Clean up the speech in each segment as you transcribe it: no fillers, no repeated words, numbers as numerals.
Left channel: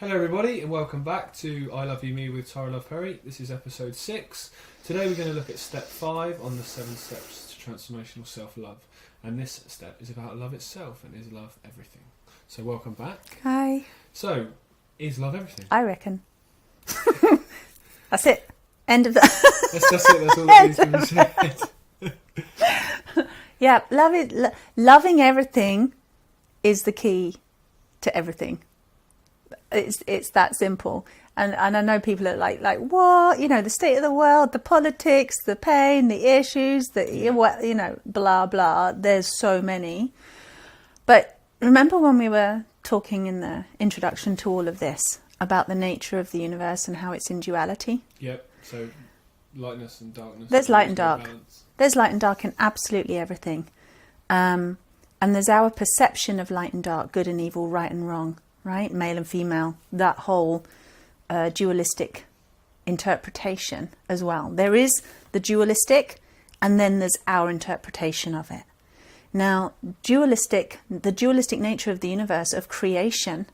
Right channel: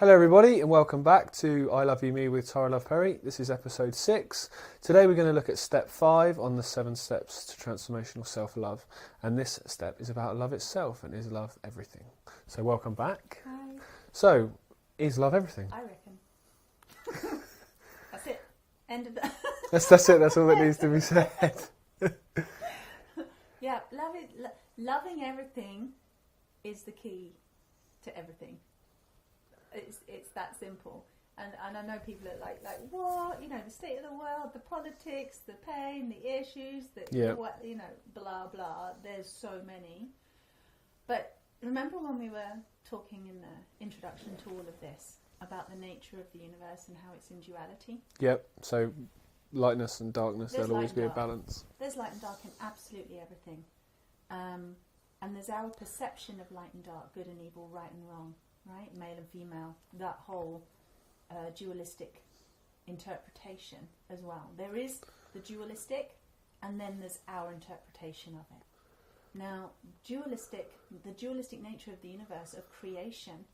Hello everybody and welcome back to I Love You Me with Tara Love Perry. This is episode 6. Today we're going to look at step 5 on the 7 steps to transformational self-love. And this step is about love itself and is love everything. So welcome back. Hi. So, is love everything? I reckon. That's it. End of that. That's it, that's all that needs to be said. Yeah, loving everything is the key to everything. It's that simple. And I know people are like what? You know, the state of the world, the politics, the pain, the issues, blah, blah. There's so many. But remember when we were talking in the introduction to all of this about the nature of the universe and how it's in duality? Yep, so lightness and darkness. There's light and dark. Balance. There's light and dark in absolutely everything. And there's our perception of light and dark, good and evil, right and wrong. Right, male and female, that whole dualistic interpretation as well. There is the dualistic, and then there's our interpretation of it. Now, the dualistic nature of the universe, of creation,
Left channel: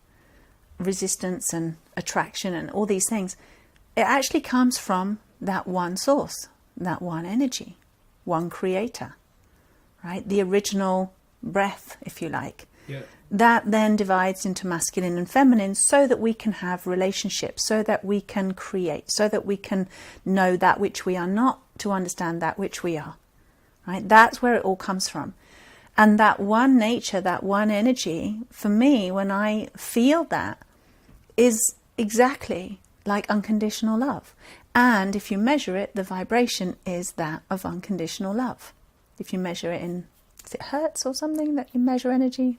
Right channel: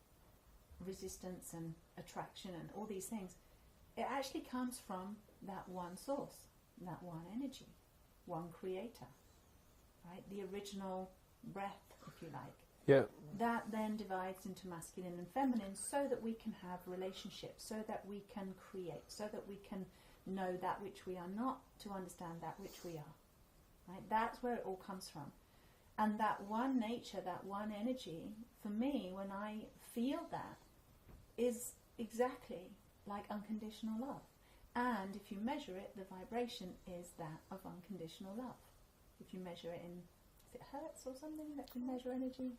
resistance and attraction and all these things, it actually comes from that one source, that one energy, one creator, right? The original breath, if you like. Yeah. That then divides into masculine and feminine so that we can have relationships, so that we can create, so that we can know that which we are not to understand that which we are. Right? That's where it all comes from. And that one nature, that one energy, for me, when I feel that, is exactly like unconditional love. And if you measure it, the vibration is that of unconditional love. If you measure it in, is it hertz or something that you measure energy?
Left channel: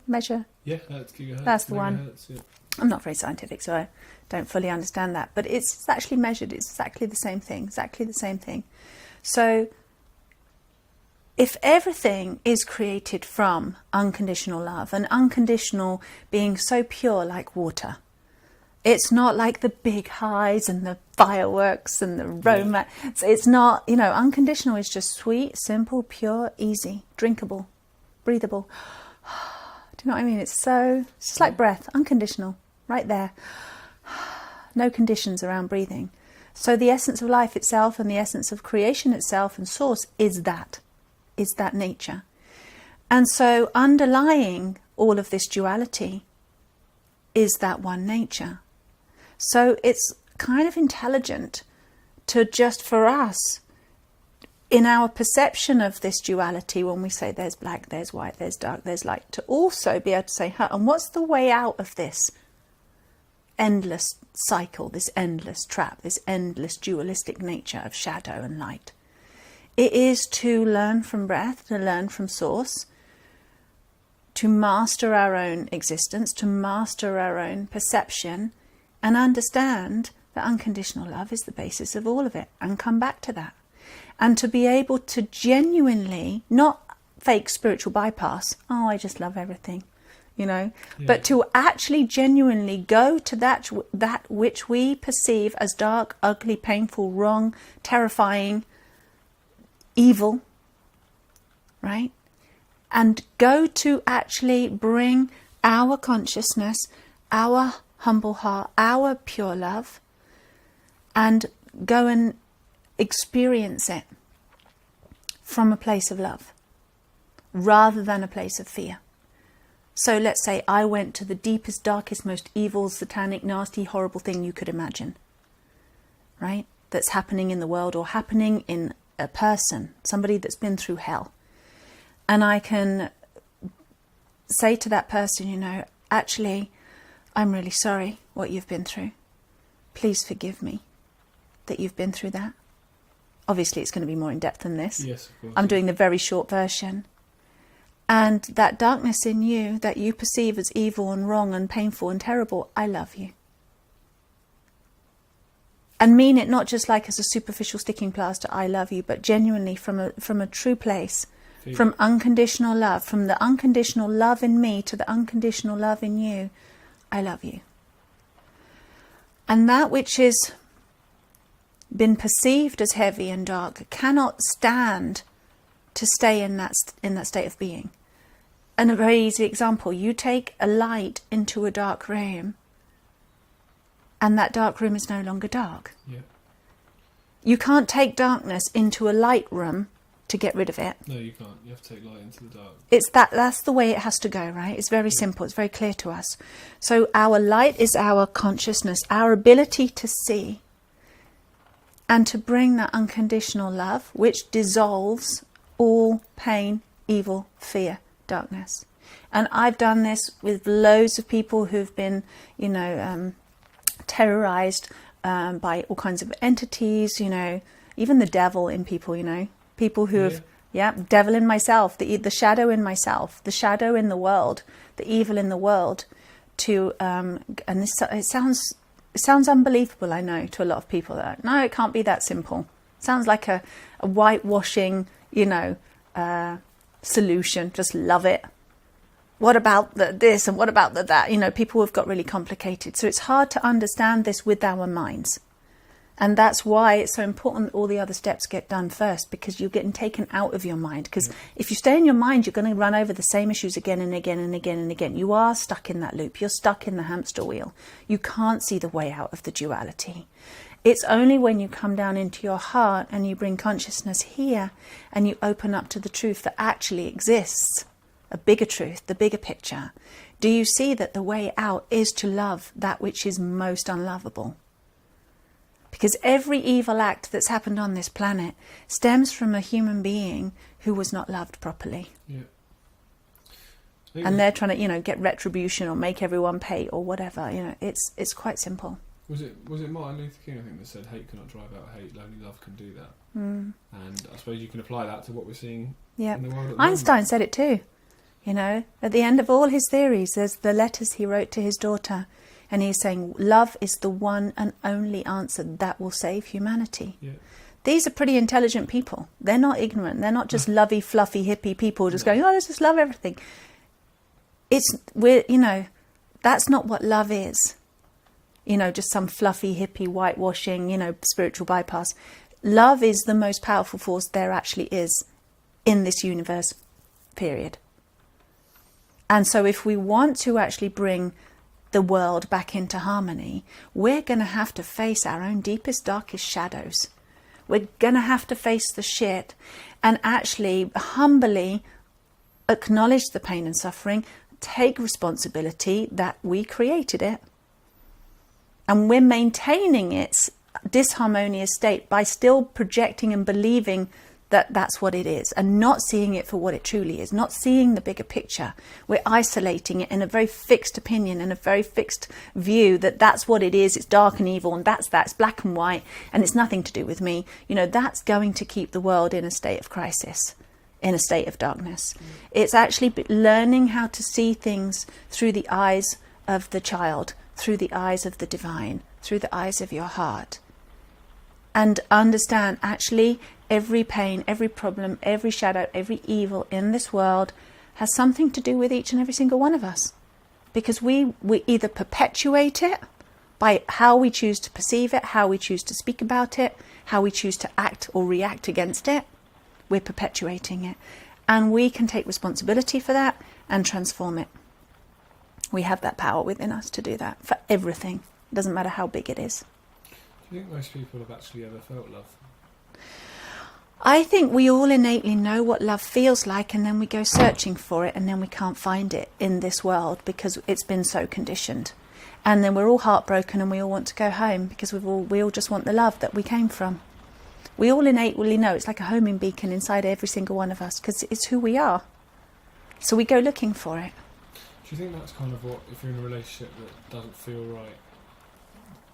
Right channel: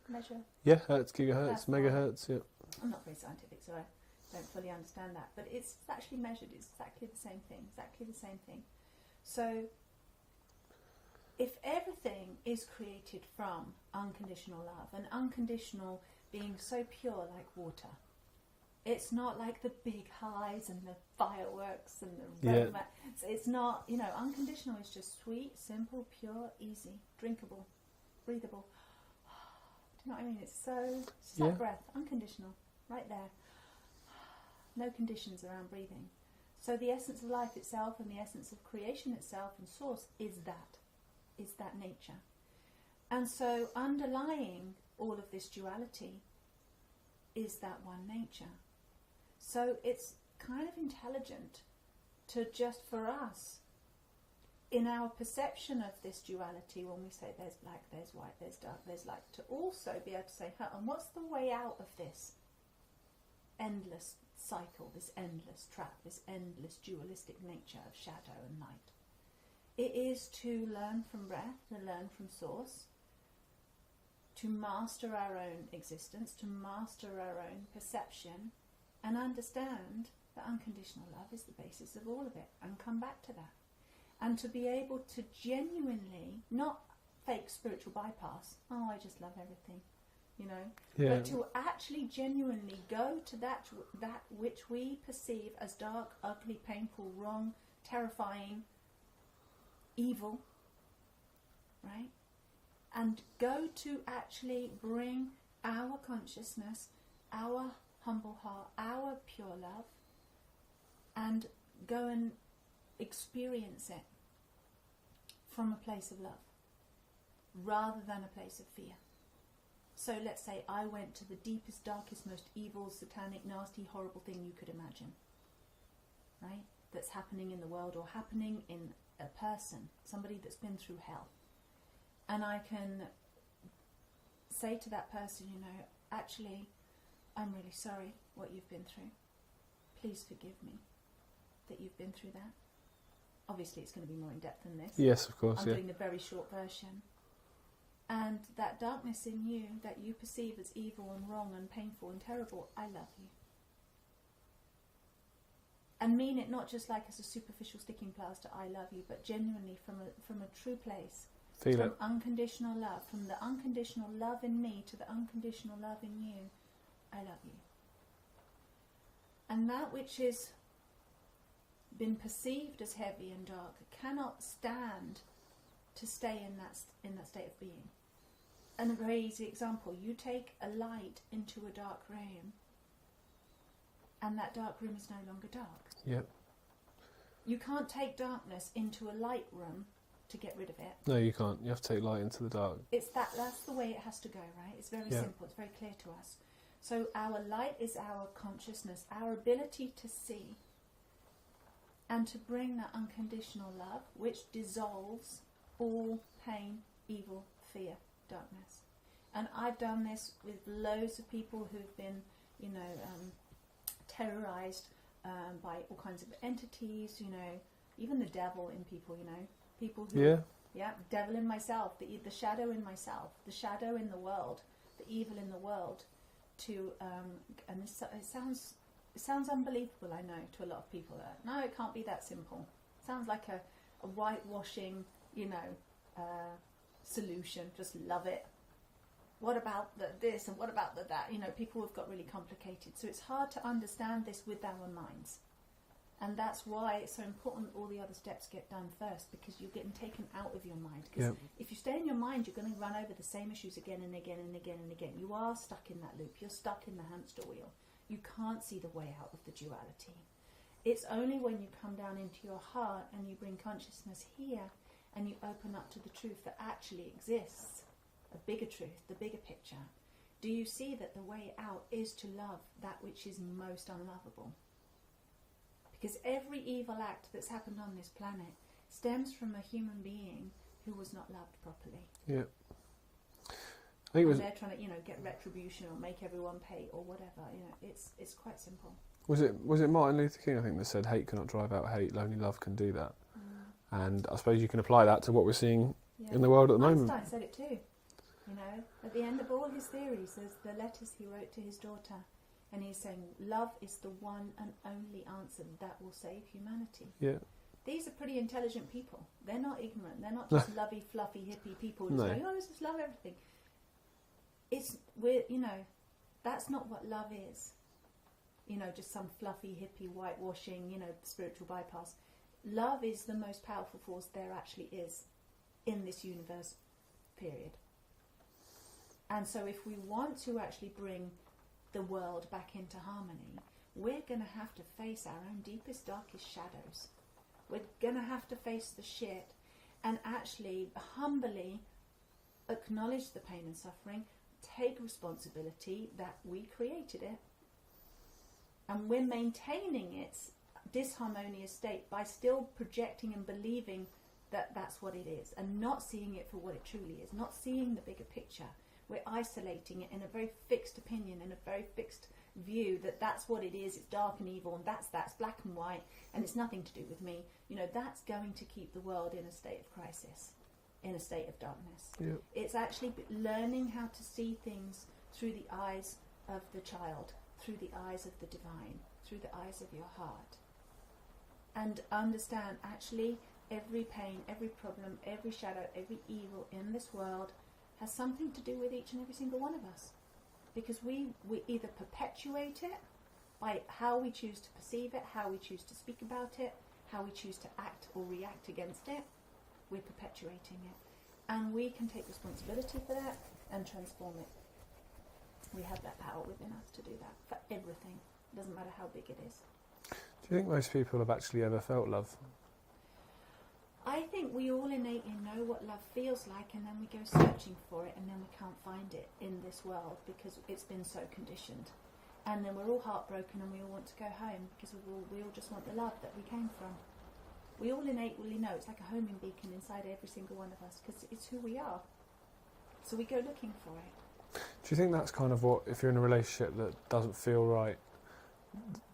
Yeah, hertz, gigahertz, that's the megahertz, one. Yeah. I'm not very scientific, so I don't fully understand that. But it's actually measured. It's exactly the same thing. So if everything is created from unconditional love, and unconditional being so pure like water, it's not like the big highs and the fireworks and the romance. Yeah. It's not, unconditional is just sweet, simple, pure, easy, drinkable, breathable. Do you know what I mean? It's just like breath, unconditional, right there. No conditions around breathing. So the essence of life itself and the essence of creation itself and source is that nature. And so underlying all of this duality is that one nature. So it's kind of intelligent to just, for us, in our perception of this duality, when we say there's black, there's white, there's dark, there's light, to also be able to say, and what's the way out of this endless cycle, this endless trap, this endless dualistic nature of shadow and light? It is to learn from breath, to learn from source, to master our own existence, to master our own perception, and understand that unconditional love is the basis of all of it, and come back to that. And to be able to genuinely, not fake spiritual bypass, oh, I just love everything, but to actually genuinely go to that which we perceive as dark, ugly, painful, wrong, terrifying, evil, right? And go to actually bring our consciousness, our humble heart, our pure love, and go and experience it from a place of love rather than a place of fear. So let's say I went to the deepest, darkest, most evil, satanic, nasty, horrible thing you could imagine, right? That's happening in the world or happening in a person, somebody that's been through hell. And I can say to that person, you know, actually, I'm really sorry what you've been through. Please forgive me that you've been through that. Obviously, it's going to be more in depth than this. Yes, of course. I'm doing the very short version. And that darkness in you that you perceive as evil and wrong and painful and terrible, I love you. And mean it not just like as a superficial sticking plaster, I love you, but genuinely from a true place, from unconditional love, from the unconditional love in me to the unconditional love in you, I love you. And that which is been perceived as heavy and dark cannot stand to stay in that state of being. And a very easy example, you take a light into a dark room and that dark room is no longer dark. Yeah. You can't take darkness into a light room to get rid of it. No, you can't. You have to take light into the dark. That's the way it has to go, right? It's very simple. It's very clear to us. So our light is our consciousness, our ability to see and to bring that unconditional love, which dissolves all pain, evil, fear, darkness. And I've done this with loads of people who've been, you know, terrorized by all kinds of entities, you know, even the devil in people, you know, people who have, devil in myself, the shadow in myself, the shadow in the world, the evil in the world, to, and this, it sounds unbelievable, I know, to a lot of people. That no, it can't be that simple. It sounds like a whitewashing, you know, solution. Just love it. What about this and what about that? You know, people have got really complicated. So it's hard to understand this with our minds. And that's why it's so important that all the other steps get done first, because you're getting taken out of your mind. Because if you stay in your mind, you're going to run over the same issues again and again and again and again. You are stuck in that loop. You're stuck in the hamster wheel. You can't see the way out of the duality. It's only when you come down into your heart and you bring consciousness here and you open up to the truth that actually exists, a bigger truth, the bigger picture, do you see that the way out is to love that which is most unlovable? Because every evil act that's happened on this planet stems from a human being who was not loved properly. Yeah. And they're trying to, you know, get retribution or make everyone pay or whatever. You know, it's quite simple. Was it Martin Luther King, I think, that said hate cannot drive out hate, only love can do that. And I suppose you can apply that to what we're seeing in the world at the Einstein moment. said it too. You know, at the end of all his theories, there's the letters he wrote to his daughter. And he's saying, love is the one and only answer that will save humanity. Yeah. These are pretty intelligent people. They're not ignorant. They're not just lovey, fluffy, hippie people just going, oh, let's just love everything. You know, that's not what love is. You know, just some fluffy, hippie, whitewashing, you know, spiritual bypass. Love is the most powerful force there actually is in this universe, period. And so if we want to actually bring the world back into harmony, we're going to have to face our own deepest, darkest shadows. We're going to have to face the shit and actually humbly acknowledge the pain and suffering, take responsibility that we created it. And we're maintaining its disharmonious state by still projecting and believing that that's what it is, and not seeing it for what it truly is, not seeing the bigger picture. We're isolating it in a very fixed opinion and a very fixed view that that's what it is, it's dark and evil, and that's black and white, and it's nothing to do with me. You know, that's going to keep the world in a state of crisis, in a state of darkness. It's actually learning how to see things through the eyes of the child, through the eyes of the divine, through the eyes of your heart. And understand actually every pain, every problem, every shadow, every evil in this world has something to do with each and every single one of us. Because we either perpetuate it by how we choose to perceive it, how we choose to speak about it, how we choose to act or react against it. We're perpetuating it. And we can take responsibility for that and transform it. We have that power within us to do that for everything. It doesn't matter how big it is. Do you think most people have actually ever felt love? I think we all innately know what love feels like, and then we go searching for it, and then we can't find it in this world because it's been so conditioned. And then we're all heartbroken and we all want to go home because we all just want the love that we came from. We all innately know it's like a homing beacon inside every single one of us because it's who we are. So we go looking for it. Do you think that's kind of what, if you're in a relationship that doesn't feel right,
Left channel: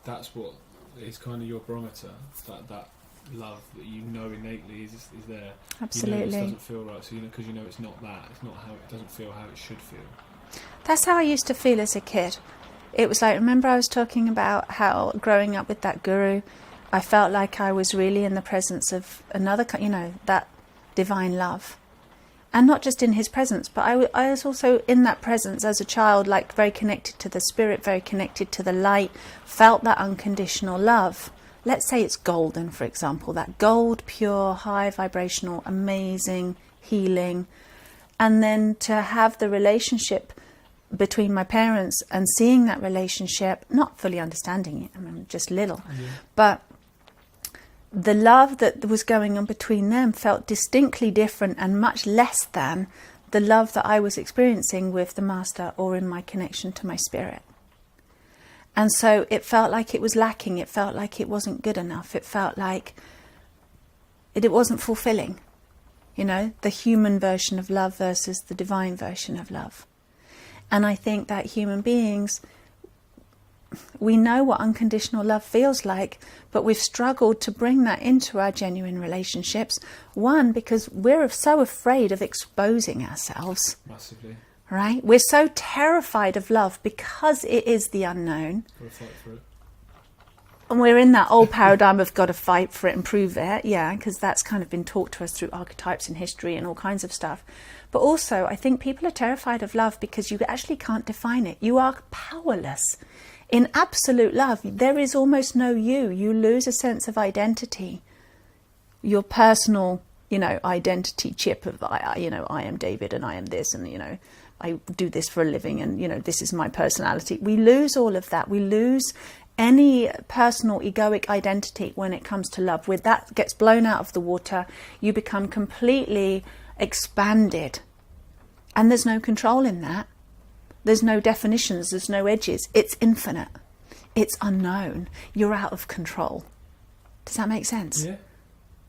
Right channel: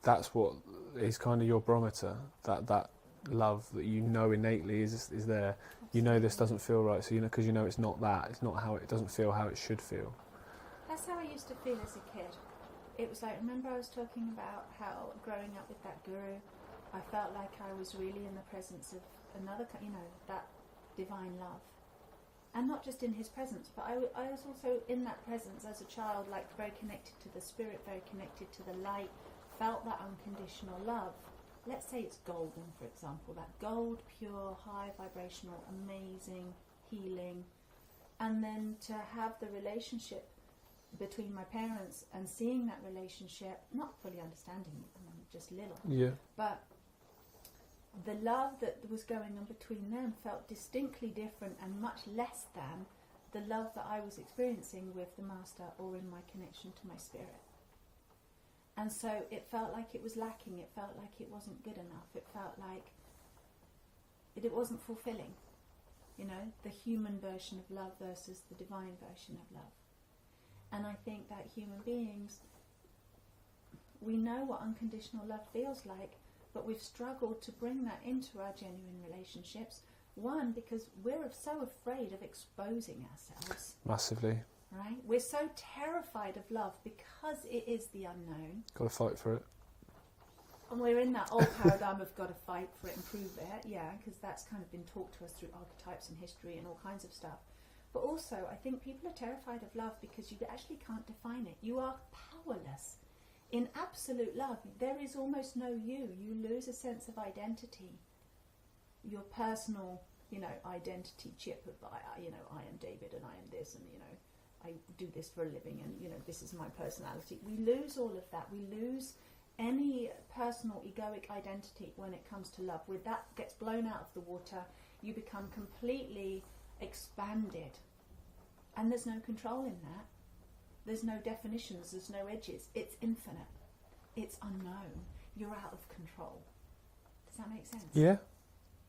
that's what is kind of your barometer, that love that you know innately is there? Absolutely. You know this doesn't feel right, so because you know it's not that, it's not how it doesn't feel how it should feel. That's how I used to feel as a kid. It was like, remember I was talking about how growing up with that guru, I felt like I was really in the presence of another, that divine love. And not just in his presence, but I was also in that presence as a child, like very connected to the spirit, very connected to the light, felt that unconditional love. Let's say it's golden, for example, that gold, pure, high vibrational, amazing, healing. And then to have the relationship between my parents and seeing that relationship, not fully understanding it, I mean, just little, but the love that was going on between them felt distinctly different and much less than the love that I was experiencing with the master or in my connection to my spirit. And so it felt like it was lacking. It felt like it wasn't good enough. It felt like it wasn't fulfilling, the human version of love versus the divine version of love. And I think that human beings, we know what unconditional love feels like, but we've struggled to bring that into our genuine relationships. One, because we're so afraid of exposing ourselves. Massively. Right? We're so terrified of love because it is the unknown. Got to fight for it. And we're in that old paradigm of got to fight for it and prove it. Yeah, because that's kind of been taught to us through archetypes in history and all kinds of stuff. But also, I think people are terrified of love because you actually can't define it. You are powerless. In absolute love, there is almost no you. You lose a sense of identity. Your personal, identity chip of, I am David and I am this and, I do this for a living and, this is my personality. We lose all of that. We lose any personal egoic identity when it comes to love. Where that gets blown out of the water, you become completely expanded. And there's no control in that. There's no definitions, there's no edges. It's infinite. It's unknown. You're out of control. Does that make sense? Yeah.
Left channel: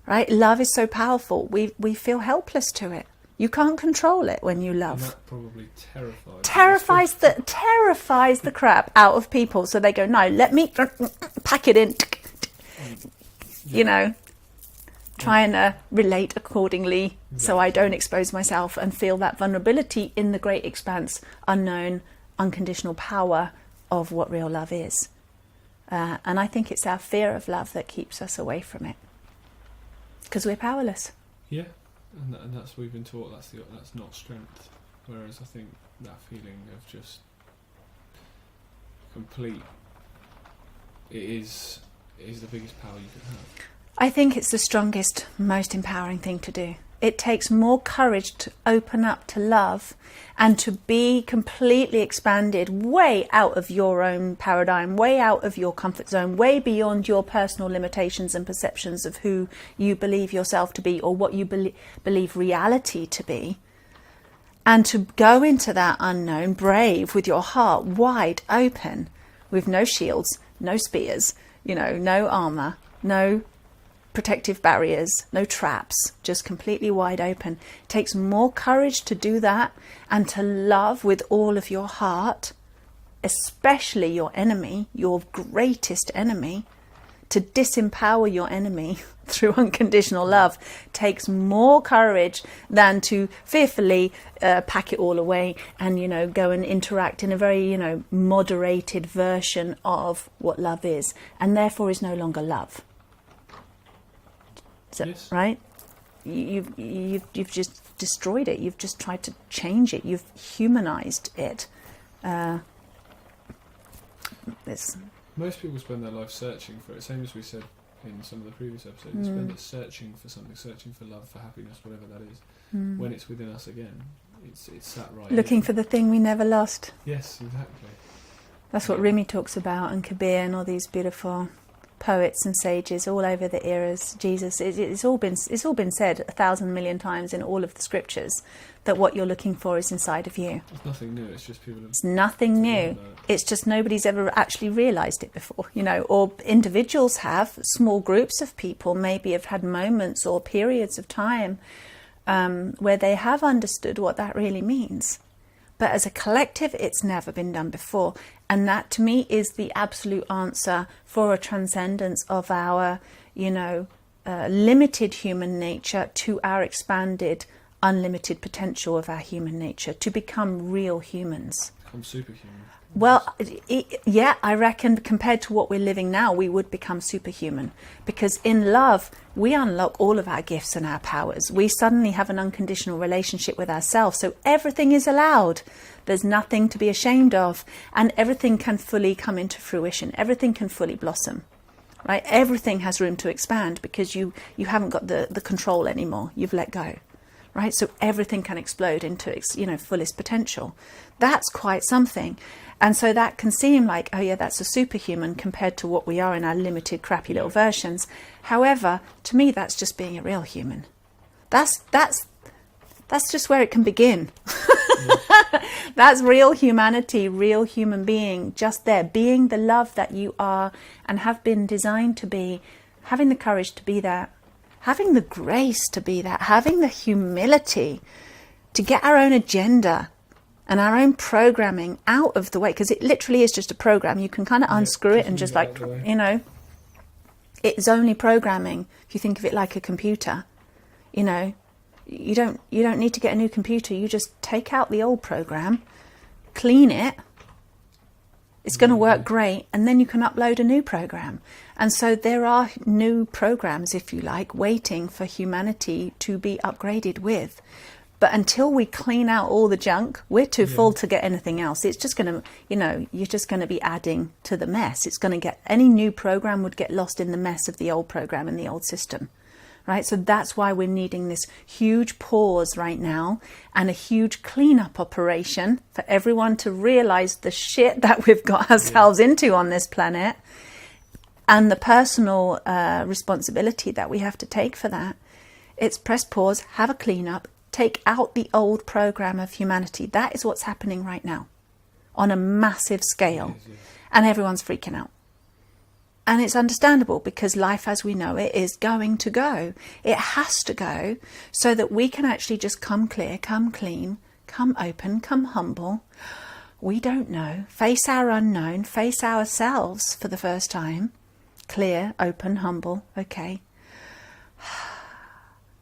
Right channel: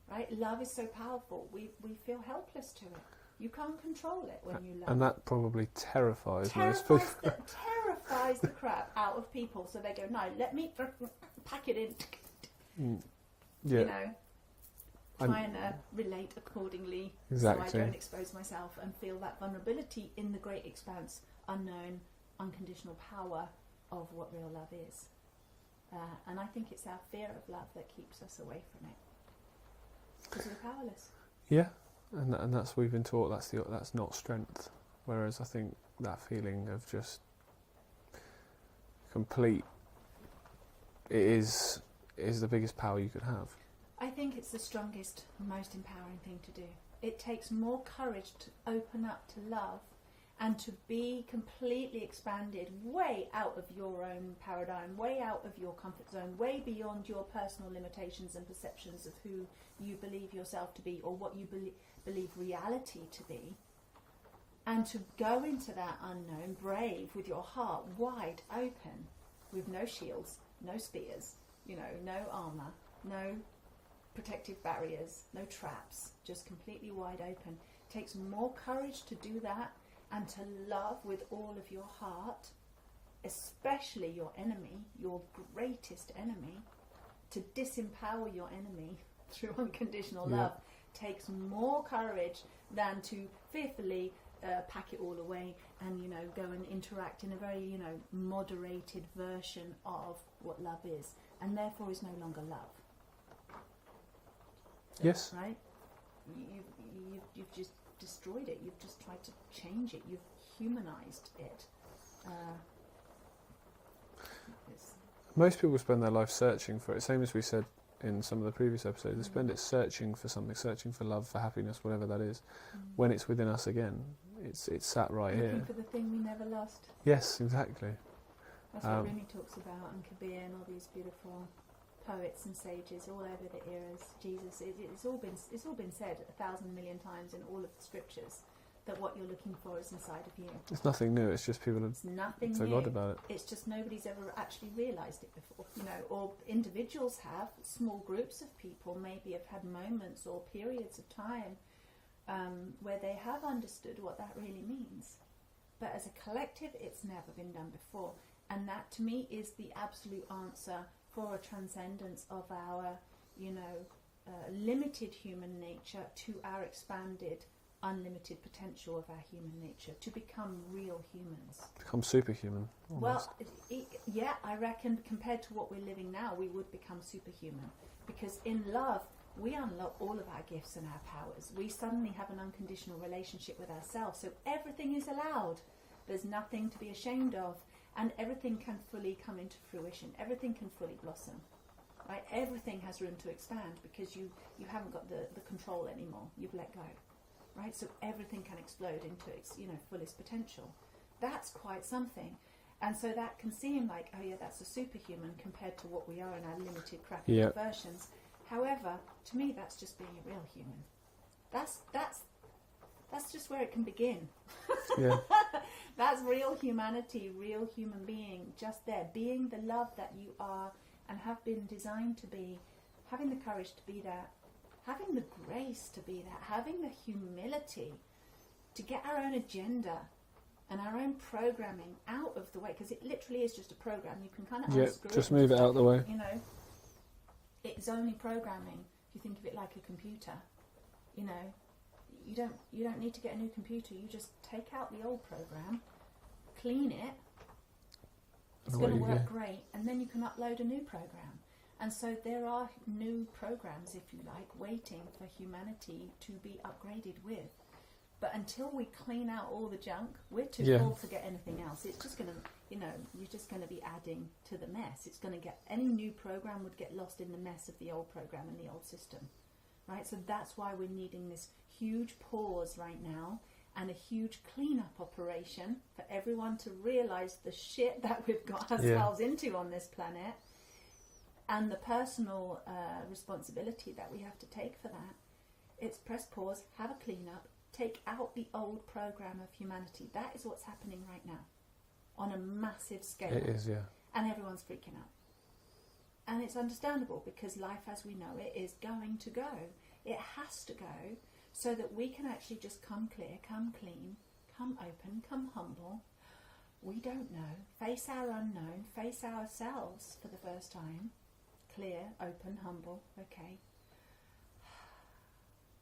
Right? Love is so powerful. We feel helpless to it. You can't control it when you love. And that probably terrifies the crap out of people. So they go, no, let me pack it in. Trying to relate accordingly, so I don't expose myself and feel that vulnerability in the great expanse, unknown, unconditional power of what real love is. And I think it's our fear of love that keeps us away from it, because we're powerless. Yeah, and that's we've been taught that's not strength. Whereas I think that feeling of just complete, it is the biggest power you could have. I think it's the strongest, most empowering thing to do. It takes more courage to open up to love and to be completely expanded way out of your own paradigm, way out of your comfort zone, way beyond your personal limitations and perceptions of who you believe yourself to be or what you believe reality to be. And to go into that unknown brave with your heart wide open, with no shields, no spears, no armour, no protective barriers, no traps, just completely wide open. It takes more courage to do that and to love with all of your heart, especially your enemy, your greatest enemy. To disempower your enemy through unconditional love takes more courage than to fearfully pack it all away and go and interact in a very moderated version of what love is, and therefore is no longer love. Yes. Right? You've just destroyed it. You've just tried to change it. You've humanized it. Most people spend their life searching for it. Same as we said in some of the previous episodes. They spend it searching for something, searching for love, for happiness, whatever that is. When it's within us again, it's sat right looking here. for the thing we never lost. Yes, exactly. That's what Rumi talks about, and Kabir, and all these beautiful poets and sages all over the eras. Jesus, it's all been said 1,000 million times in all of the scriptures that what you're looking for is inside of you. It's nothing new. It's just people. It's nothing new. It's just nobody's ever actually realised it before, or individuals have. Small groups of people maybe have had moments or periods of time where they have understood what that really means. But as a collective, it's never been done before. And that, to me, is the absolute answer for a transcendence of our, limited human nature to our expanded, unlimited potential of our human nature, to become real humans. Become superhuman. Well, yeah, I reckon compared to what we're living now, we would become superhuman. Because in love, we unlock all of our gifts and our powers. We suddenly have an unconditional relationship with ourselves. So everything is allowed. There's nothing to be ashamed of. And everything can fully come into fruition. Everything can fully blossom. Right? Everything has room to expand because you haven't got the control anymore. You've let go. Right? So everything can explode into its, fullest potential. That's quite something. And so that can seem like, oh yeah, that's a superhuman compared to what we are in our limited, crappy little versions. However, to me, that's just being a real human. That's just where it can begin. That's real humanity, real human being, just there, being the love that you are and have been designed to be, having the courage to be that, having the grace to be that, having the humility to get our own agenda and our own programming out of the way, because it literally is just a program. You can kind of unscrew it and just it's only programming. If you think of it like a computer, you don't need to get a new computer. You just take out the old program, clean it. It's going to work great, and then you can upload a new program. And so there are new programs, if you like, waiting for humanity to be upgraded with. But until we clean out all the junk, we're too full to get anything else. It's just going to, you're just going to be adding to the mess. It's going to get, any new program would get lost in the mess of the old program and the old system, right? So that's why we're needing this huge pause right now and a huge cleanup operation for everyone to realize the shit that we've got ourselves into on this planet and the personal responsibility that we have to take for that. It's press pause, have a cleanup, take out the old program of humanity. That is what's happening right now on a massive scale. And everyone's freaking out. And it's understandable because life as we know it is going to go. It has to go so that we can actually just come clear, come clean, come open, come humble. We don't know. Face our unknown, face ourselves for the first time. Clear, open, humble. Okay.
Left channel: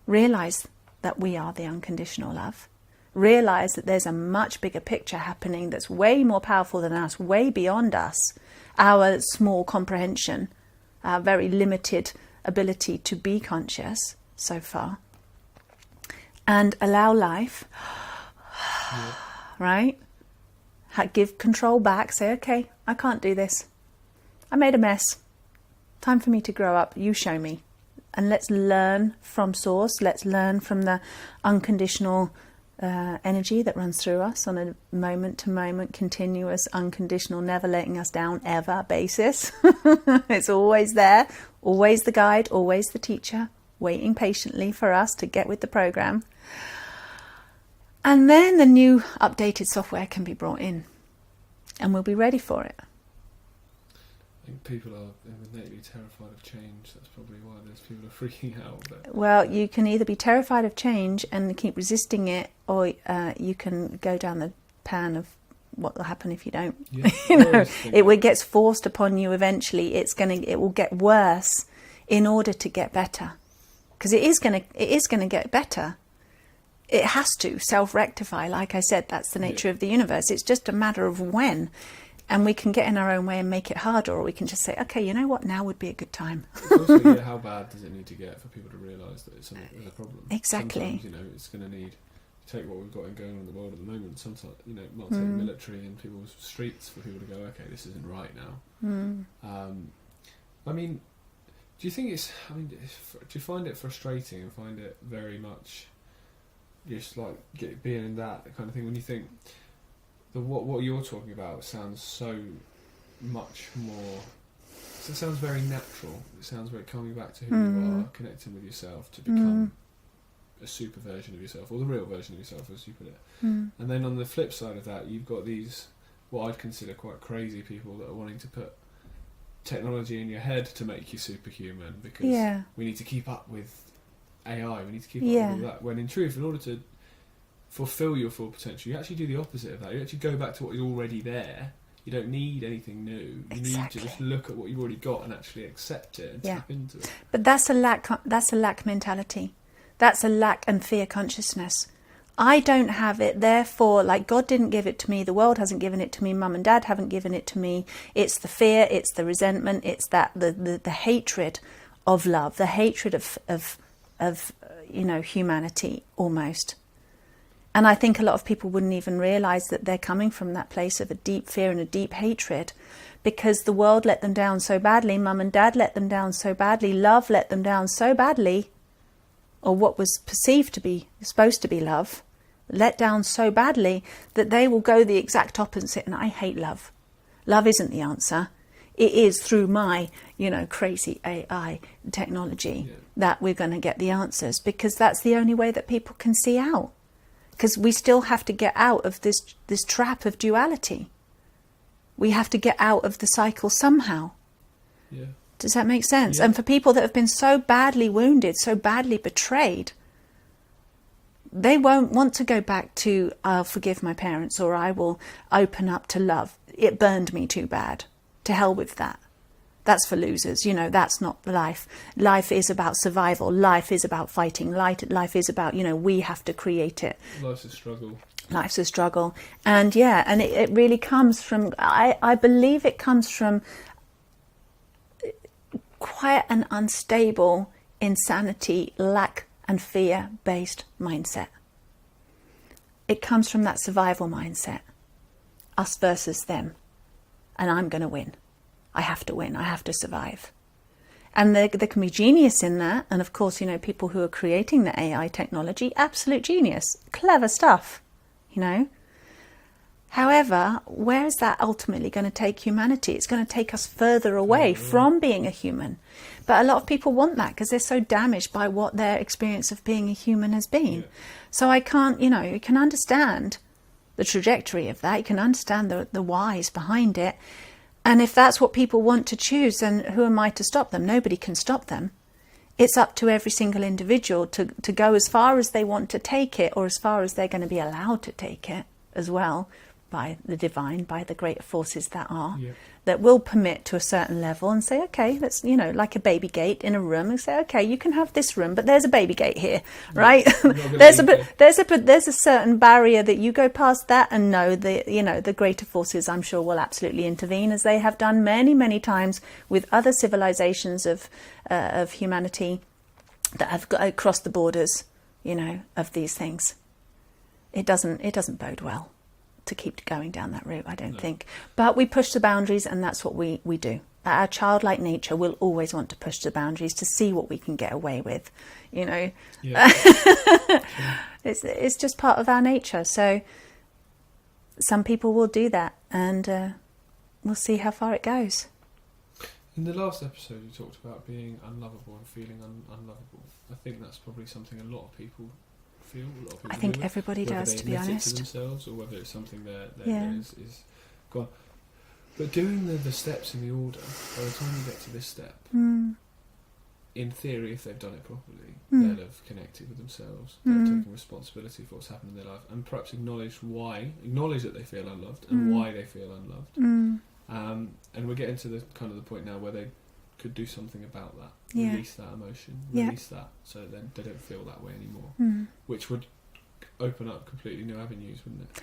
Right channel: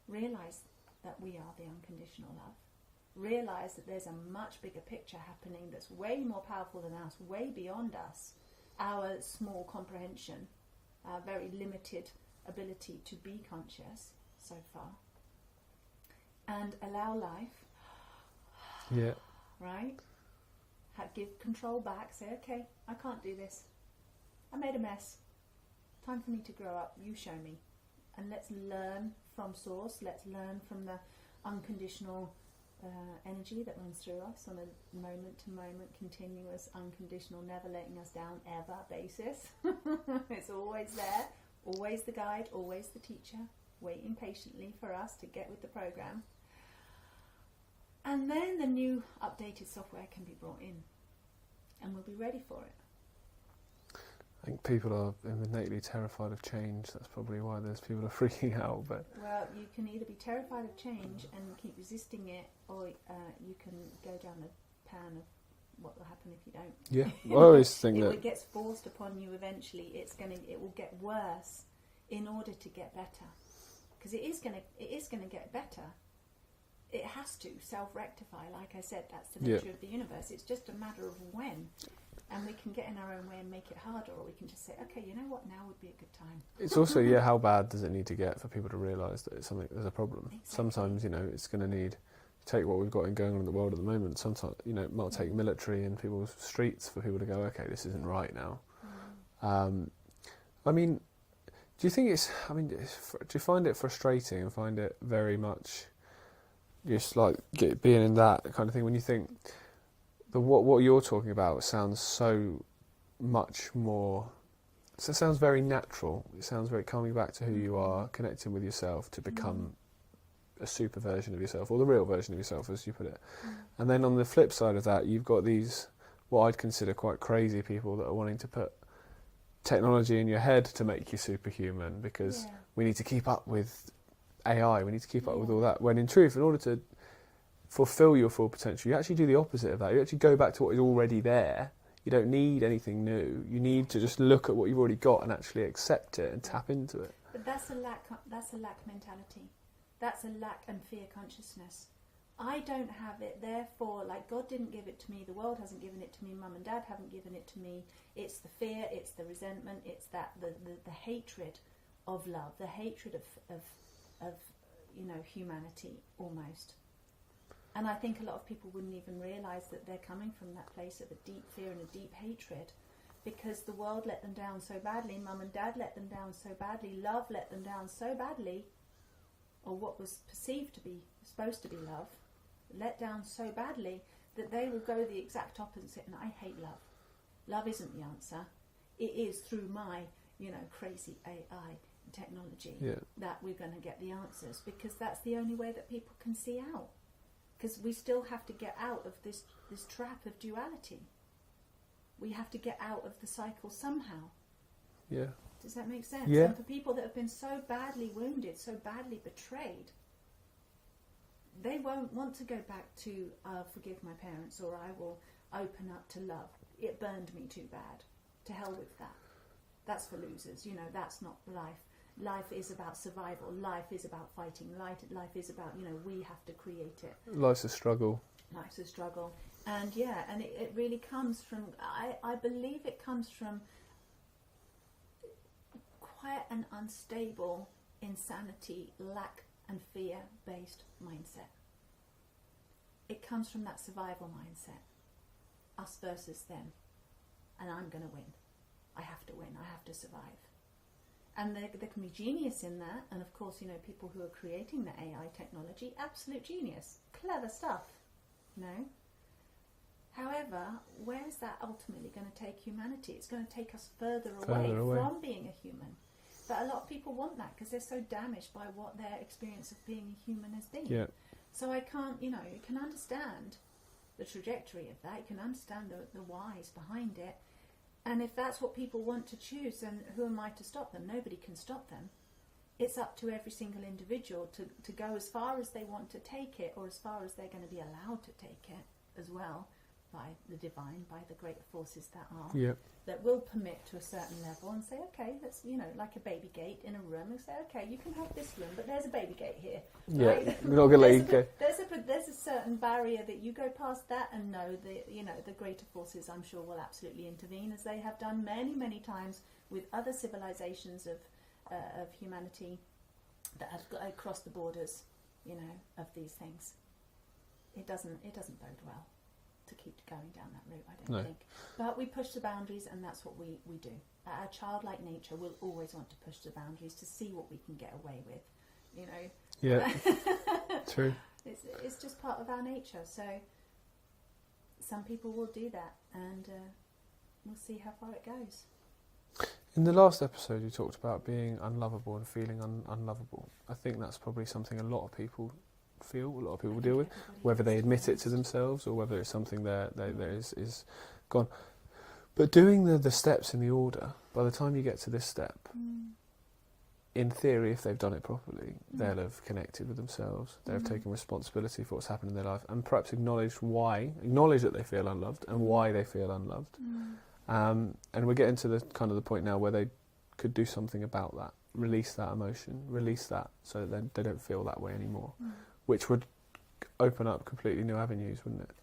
Realize that we are the unconditional love. Realize that there's a much bigger picture happening that's way more powerful than us, way beyond us, our small comprehension, our very limited ability to be conscious so far. And allow life, right? Give control back, say, okay, I can't do this. I made a mess. Time for me to grow up. You show me. And let's learn from source. Let's learn from the unconditional energy that runs through us on a moment-to-moment, continuous, unconditional, never letting us down ever basis. It's always there, always the guide, always the teacher, waiting patiently for us to get with the program. And then the new updated software can be brought in and we'll be ready for it. I think people are innately terrified of change. That's probably why there's people are freaking out. But well, you can either be terrified of change and keep resisting it, or you can go down the pan of what will happen if you don't. Yeah, it gets forced upon you eventually. It will get worse in order to get better, because it is going to get better. It has to self-rectify. Like I said, that's the nature of the universe. It's just a matter of when. And we can get in our own way and make it harder, or we can just say, okay, you know what, now would be a good time. It's also, how bad does it need to get for people to realise that there's a problem? Exactly. Sometimes, it's going to need, take what we've got going on in the world at the moment. Sometimes, it might take military and people's streets for people to go, okay, this isn't right now. I mean, do you think do you find it frustrating and find it very much just like being in that kind of thing when you think, what you're talking about sounds so much more. It sounds very natural. It sounds very coming back to who you are, connecting with yourself to become a super version of yourself, or the real version of yourself, as you put it. And then on the flip side of that, you've got these what I'd consider quite crazy people that are wanting to put technology in your head to make you superhuman because we need to keep up with AI. We need to keep up with all that. When in truth, in order to fulfill your full potential, you actually do the opposite of that. You actually go back to what is already there. You don't need anything new. You need to just look at what you've already got and actually accept it and tap into it. But that's a lack mentality. That's a lack and fear consciousness. I don't have it, therefore, like, God didn't give it to me, the world hasn't given it to me, mum and dad haven't given it to me. It's the fear, it's the resentment, it's that the hatred of love, the hatred of humanity almost. And I think a lot of people wouldn't even realise that they're coming from that place of a deep fear and a deep hatred, because the world let them down so badly, mum and dad let them down so badly, love let them down so badly, or what was perceived to be, supposed to be love, let down so badly that they will go the exact opposite. And I hate love. Love isn't the answer. It is through my, crazy AI technology that we're going to get the answers, because that's the only way that people can see out. Because we still have to get out of this trap of duality. We have to get out of the cycle somehow. Yeah. Does that make sense? Yeah. And for people that have been so badly wounded, so badly betrayed, they won't want to go back to, I'll forgive my parents, or I will open up to love. It burned me too bad. To hell with that. That's for losers. That's not life. Life is about survival. Life is about fighting. Life is about, we have to create it. Life's a struggle. Life's a struggle. And it really comes from, I believe it comes from quite an unstable insanity, lack and fear-based mindset. It comes from that survival mindset. Us versus them. And I'm going to win. I have to win. I have to survive. And there can be genius in that. And of course, people who are creating the AI technology, absolute genius. Clever stuff, However, where is that ultimately going to take humanity? It's going to take us further away from being a human. But a lot of people want that because they're so damaged by what their experience of being a human has been. Yeah. So I can't, you can understand the trajectory of that. You can understand the whys behind it. And if that's what people want to choose, then who am I to stop them? Nobody can stop them. It's up to every single individual to go as far as they want to take it, or as far as they're going to be allowed to take it as well, by the divine, by the greater forces that are, that will permit to a certain level and say, okay, let's, like a baby gate in a room, and say, okay, you can have this room, but there's a baby gate here, right? There's a certain barrier that you go past that, and no, the greater forces, I'm sure, will absolutely intervene, as they have done many, many times with other civilizations of humanity that have crossed the borders, of these things. It doesn't bode well to keep going down that route, I don't think. But we push the boundaries, and that's what we do. Our childlike nature will always want to push the boundaries to see what we can get away with, Yeah. True. It's just part of our nature. So some people will do that, and we'll see how far it goes. In the last episode, you talked about being unlovable and feeling unlovable. I think that's probably something a lot of people feel, a lot of people I think deal with, everybody whether does, they to be admit it honest. to themselves or whether it's something that is gone. But doing the steps in the order, by the time you get to this step, in theory, if they've done it properly, they'll have connected with themselves, they'll have taken responsibility for what's happened in their life, and perhaps acknowledge that they feel unloved and why they feel unloved. And we're getting to the kind of the point now where they could do something about that, release that emotion, release that, so that they don't feel that way anymore, which would open up completely new avenues, wouldn't it?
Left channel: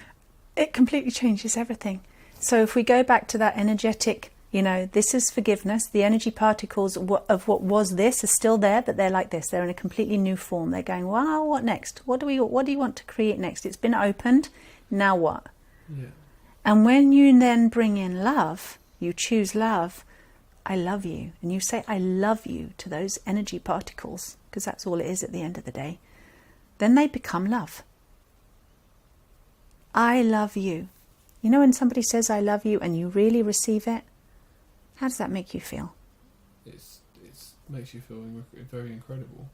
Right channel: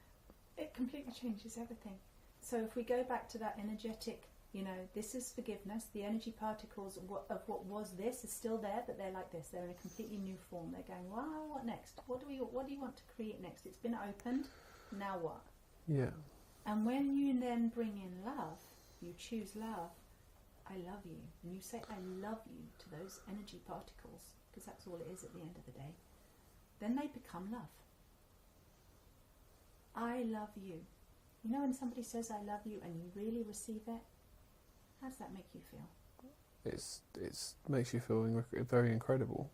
It completely changes everything. So if we go back to that energetic, this is forgiveness, the energy particles of what was this are still there, but they're like this, they're in a completely new form. They're going, wow, what next? What do you want to create next? It's been opened, now what? Yeah. And when you then bring in love, you choose love, I love you, and you say I love you to those energy particles, because that's all it is at the end of the day, then they become love. I love you. When somebody says I love you and you really receive it, how does that make you feel? It makes you feel very incredible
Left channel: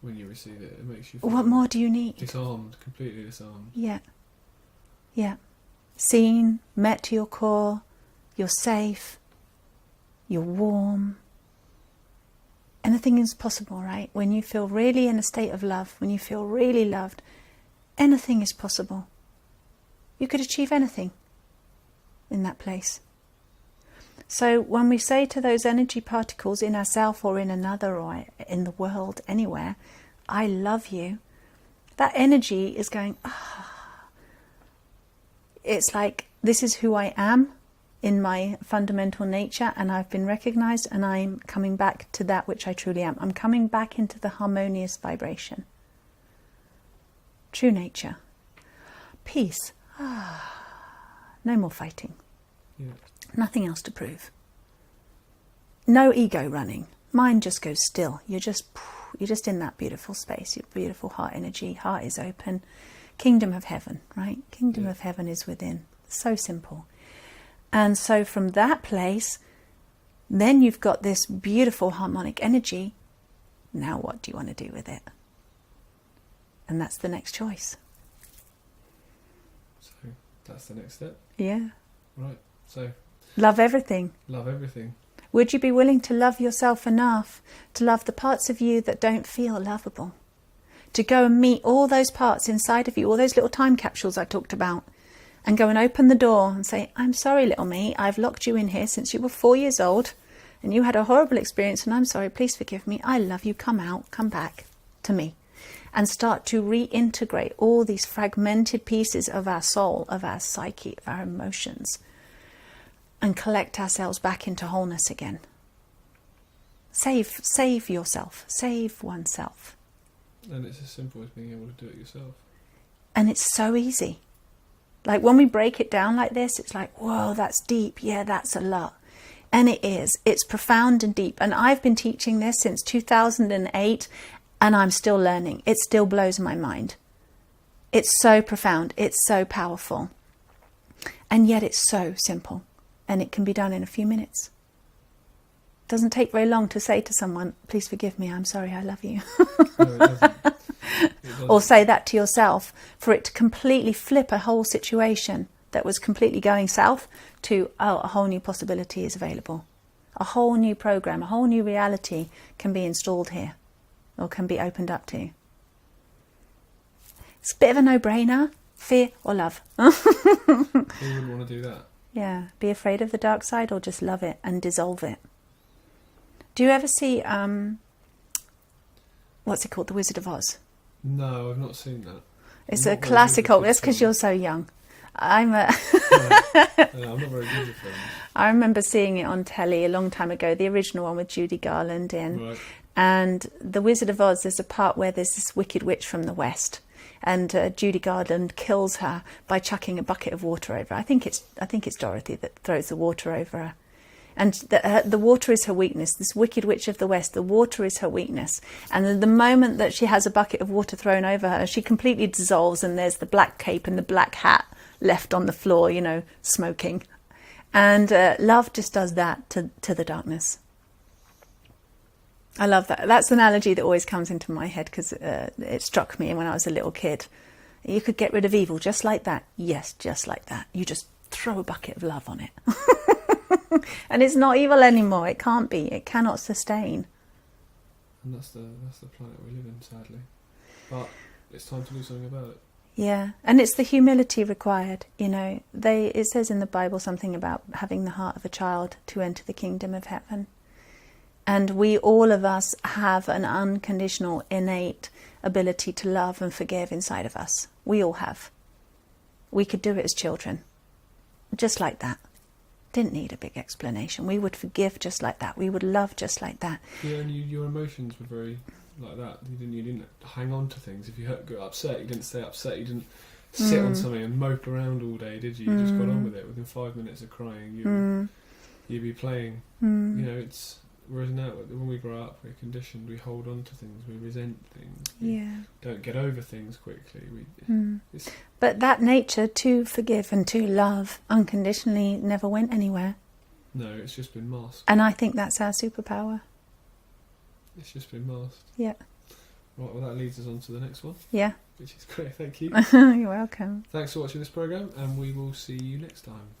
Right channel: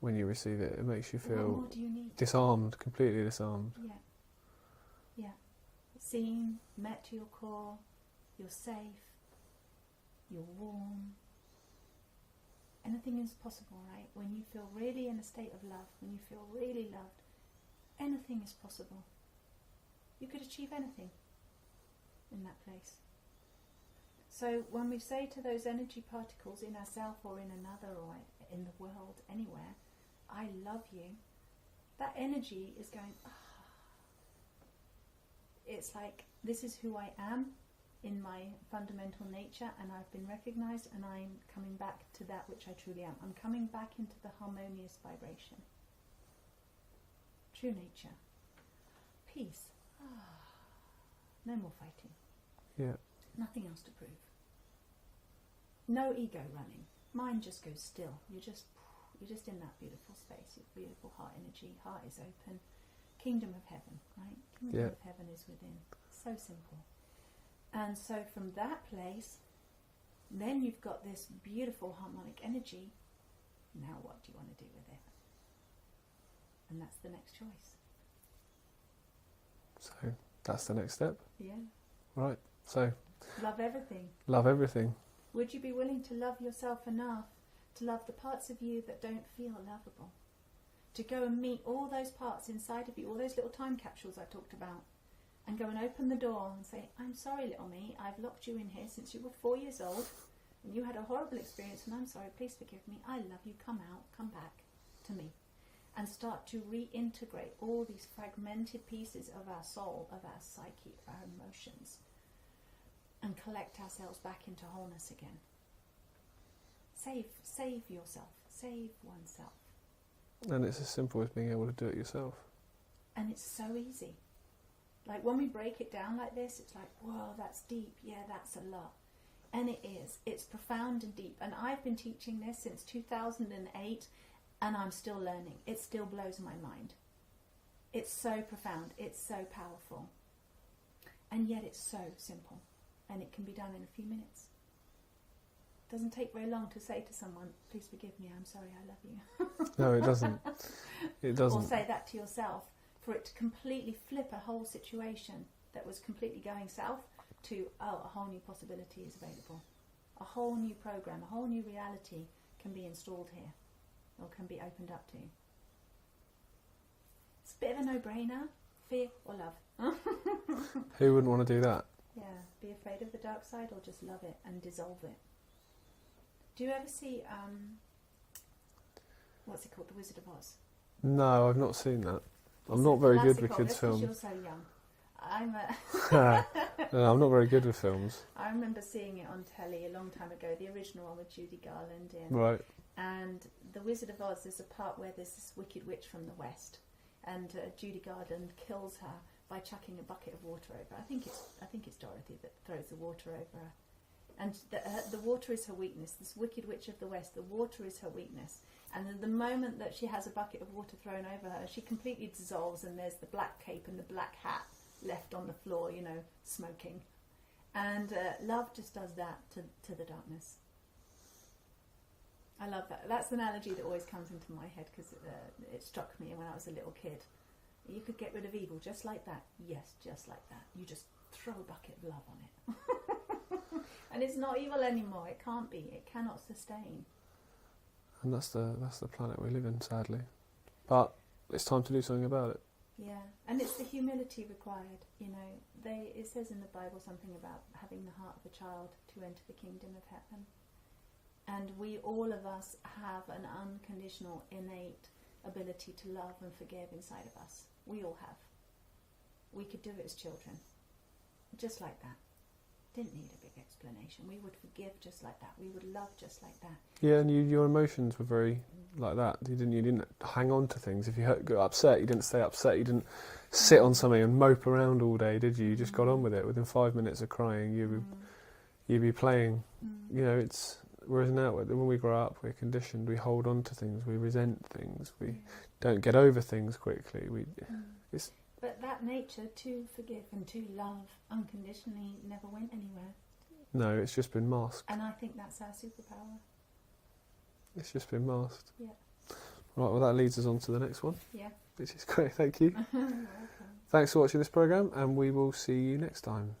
when you receive it. It makes you feel... What more do you need? Completely disarmed. Yeah. Seen, met to your core, you're safe, you're warm. Anything is possible, right? When you feel really in a state of love, when you feel really loved, anything is possible. You could achieve anything in that place. So when we say to those energy particles in ourself or in another or in the world, anywhere, I love you, that energy is going, it's like, this is who I am in my fundamental nature, and I've been recognized, and I'm coming back to that which I truly am. I'm coming back into the harmonious vibration. True nature. Peace. No more fighting. Yeah. Nothing else to prove. No ego running. Mind just goes still. You're just in that beautiful space. Your beautiful heart energy. Heart is open. Kingdom of heaven, right? Kingdom of heaven is within. So simple. And so from that place, then you've got this beautiful harmonic energy. Now what do you want to do with it? And that's the next choice. So that's the next step. Yeah. Right. So love everything. Love everything. Would you be willing to love yourself enough to love the parts of you that don't feel lovable? To go and meet all those parts inside of you, all those little time capsules I talked about, and go and open the door and say, I'm sorry, little me, I've locked you in here since you were 4 years old and you had a horrible experience, and I'm sorry, please forgive me. I love you. Come out, come back to me. And start to reintegrate all these fragmented pieces of our soul, of our psyche, of our emotions, and collect ourselves back into wholeness again. Save yourself. Save oneself. And it's as simple as being able to do it yourself. And it's so easy. Like when we break it down like this, it's like, whoa, that's deep. Yeah, that's a lot. And it is. It's profound and deep. And I've been teaching this since 2008, and I'm still learning. It still blows my mind. It's so profound. It's so powerful. And yet it's so simple. And it can be done in a few minutes. It doesn't take very long to say to someone, please forgive me, I'm sorry, I love you. No, it doesn't. It doesn't. Or say that to yourself, for it to completely flip a whole situation that was completely going south to, oh, a whole new possibility is available. A whole new program, a whole new reality can be installed here, or can be opened up to. It's a bit of a no-brainer. Fear or love? Who wouldn't want to do that? Yeah, be afraid of the dark side or just love it and dissolve it. Do you ever see, what's it called, The Wizard of Oz? No, I've not seen that. It's a classical. That's because you're so young. I'm No, I'm not very good with films. I remember seeing it on telly a long time ago, the original one with Judy Garland in. Right. And The Wizard of Oz, there's a part where there's this wicked witch from the West. And Judy Garland kills her by chucking a bucket of water over her. I think it's Dorothy that throws the water over her. And the water is her weakness. This wicked witch of the West, the water is her weakness. And the moment that she has a bucket of water thrown over her, she completely dissolves, and there's the black cape and the black hat left on the floor, you know, smoking. And love just does that to the darkness. I love that. That's an analogy that always comes into my head because it struck me when I was a little kid. You could get rid of evil just like that. Yes, just like that. You just throw a bucket of love on it. And it's not evil anymore. It can't be. It cannot sustain. And that's the planet we live in, sadly. But it's time to do something about it. Yeah, and it's the humility required. You know, it says in the Bible something about having the heart of a child to enter the kingdom of heaven. And we, all of us, have an unconditional, innate ability to love and forgive inside of us. We all have. We could do it as children, just like that. Didn't need a big explanation. We would forgive just like that. We would love just like that. Yeah, and your emotions were very like that. You didn't hang on to things. If you got upset, you didn't stay upset. You didn't sit on something and mope around all day, did you? You just got on with it. Within 5 minutes of crying, you'd be playing. You know, whereas now, when we grow up, we're conditioned. We hold on to things. We resent things. We don't get over things quickly. But that nature to forgive and to love unconditionally never went anywhere. No, it's just been masked. And I think that's our superpower. It's just been masked. Yeah. Right, well, that leads us on to the next one. Yeah. Which is great, thank you. You're welcome. Thanks for watching this programme, and we will see you next time.